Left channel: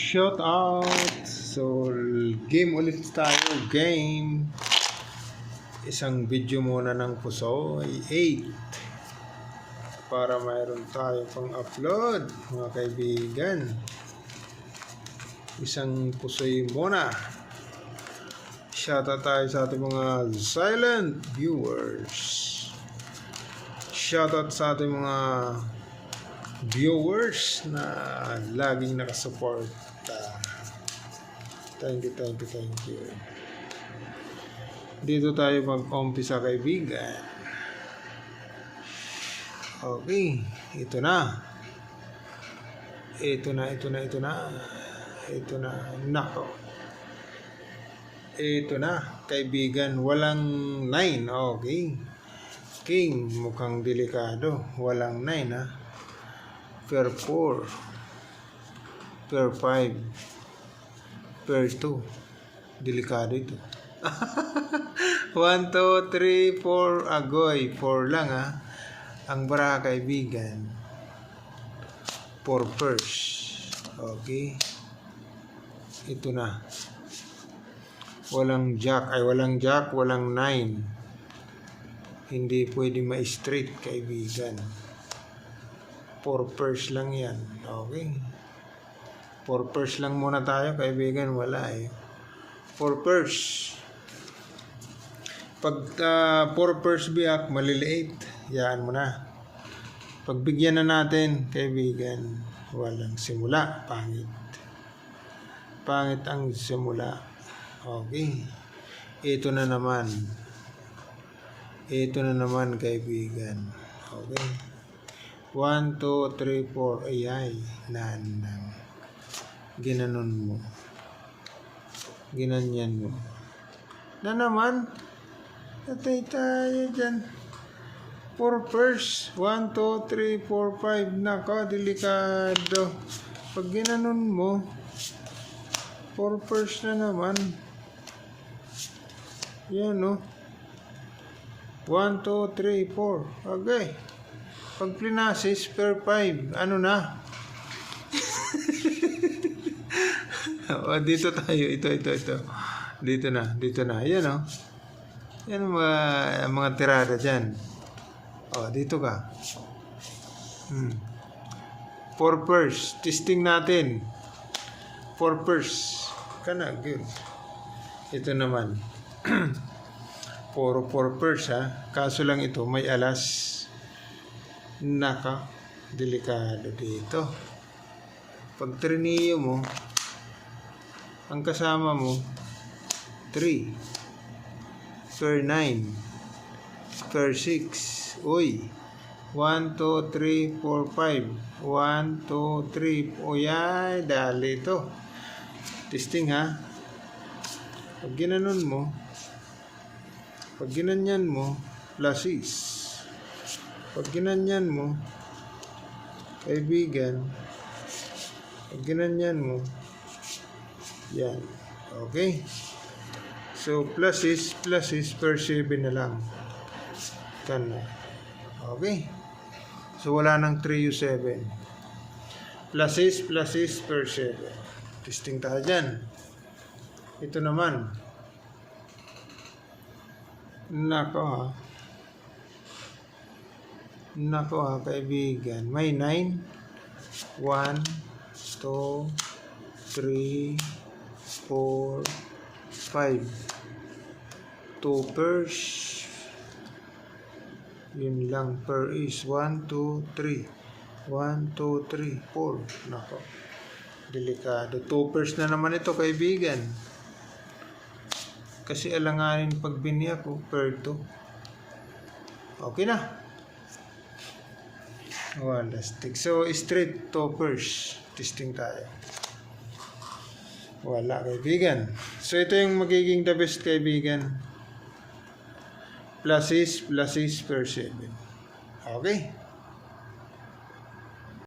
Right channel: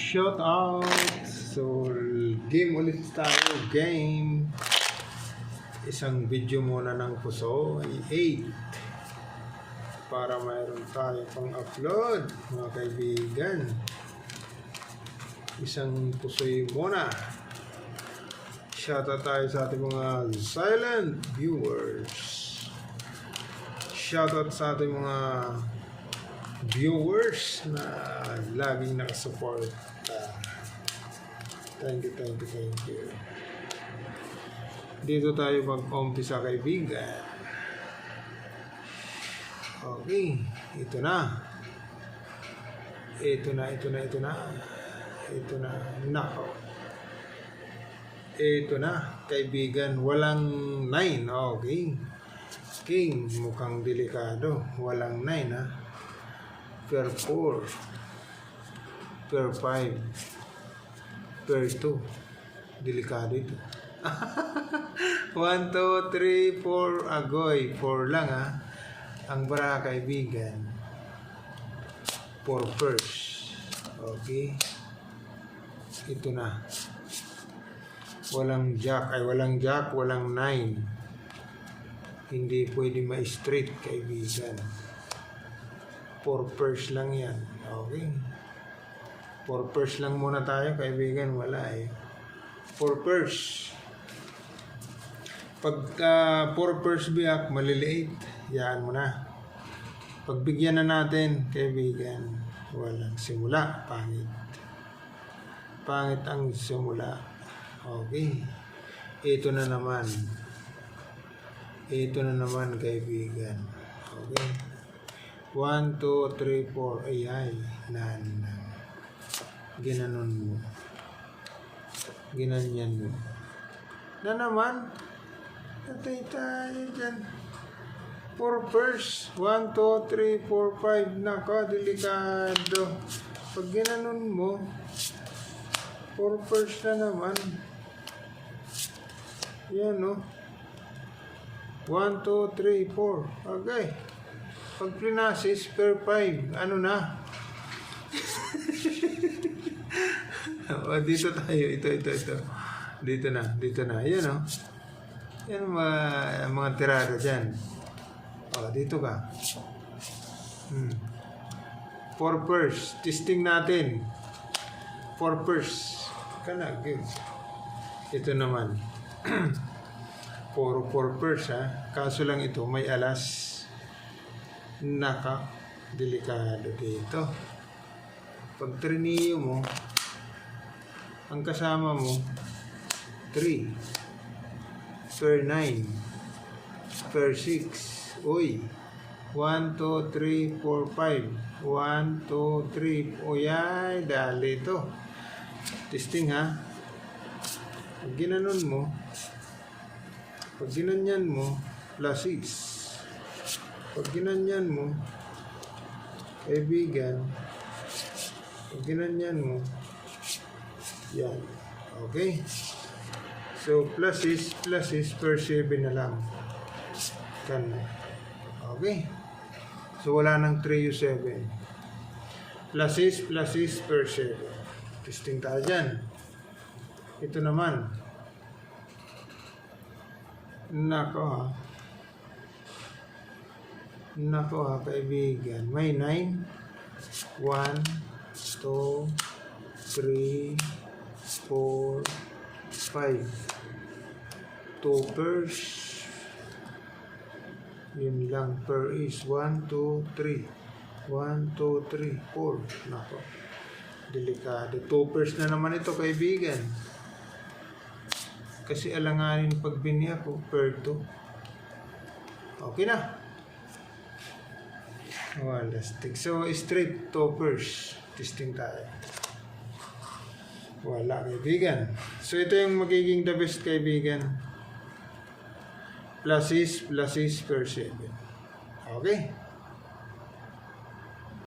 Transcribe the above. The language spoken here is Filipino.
Shout out. So, game ulit tayo. Game. Isang video muna ng puso. 8. Para mayroon tayo pang upload, mga kaibigan. Isang pusoy muna. Shout out tayo sa ating mga silent viewers. Shout out sa ating mga viewers na laging nakasupport. Thank you. Dito tayo mag-umpisa, kaibigan. Okay, ito na. Nako. Ito na, kaibigan. Walang 9. Okay. King, mukhang delikado. Walang 9, ha. Per 4, per 5, per 2. Delikado ito. 1, 2, 3, 4, agoy. 4 lang, ha. Ang bara, kaibigan. 4 first. Okay. Ito na. Walang jack, walang 9. Hindi pwede ma-straight, kaibigan. 4 pairs lang yan. Okay. 4 pairs lang muna tayo, kaibigan. Wala eh. 4 pairs. Pag 4 pairs biyak, maliliit. Yan mo na. Pagbigyan na natin, kaibigan, walang simula. Pangit. Pangit ang simula. Okay. Ito na naman, kaibigan. Okay. 1, 2, 3, 4. Ayay. Ginanon mo. Ginanyan mo. Na naman. Natay tayo dyan. 4 first. 1, 2, 3, 4, 5. Nako, delikado. Pag ginanon mo, 4 first na naman. Yan, no? 1, 2, 3, 4. Okay. Pag plinasis per 5, ano na? O, dito tayo. Ito. Dito na. Ayan, o. Yan ang mga tirada dyan. O, dito ka. 4 pairs. Testing natin. 4 pairs. Kana, good. Ito naman. 4 pairs, ha. Kaso lang ito, may alas. Naka, delikado dito. Pag trineo mo, ang kasama mo 3 per 9 per 6. Uy, 1, 2, 3, 4, 5. 1, 2, 3. Uyay, dali ito. Testing, ha. Pag ginanon mo, pag ginanyan mo, plus 6. Pag ginanyan mo, kaibigan, pag ginanyan mo, yan. Okay? So, plus is per 7 na lang. Kan. Okay? So, wala nang 3 u 7. Plus is per 7. Testing tayo dyan. Ito naman. Nako, ha, kaibigan. May 9. 1, 2, 3, 4, 5. 2 pairs. Yun lang. Per is 1, 2, 3. 1, 2, 3, 4. Nako. Delikado. 2 pairs na naman ito, kaibigan. Kasi alanganin pag biniyak ko, per 2. Okay na. Wala stick. So, straight toppers. Testing tayo. Wala, kaibigan. So, ito yung magiging the best, kaibigan. Plus is per 7. Okay.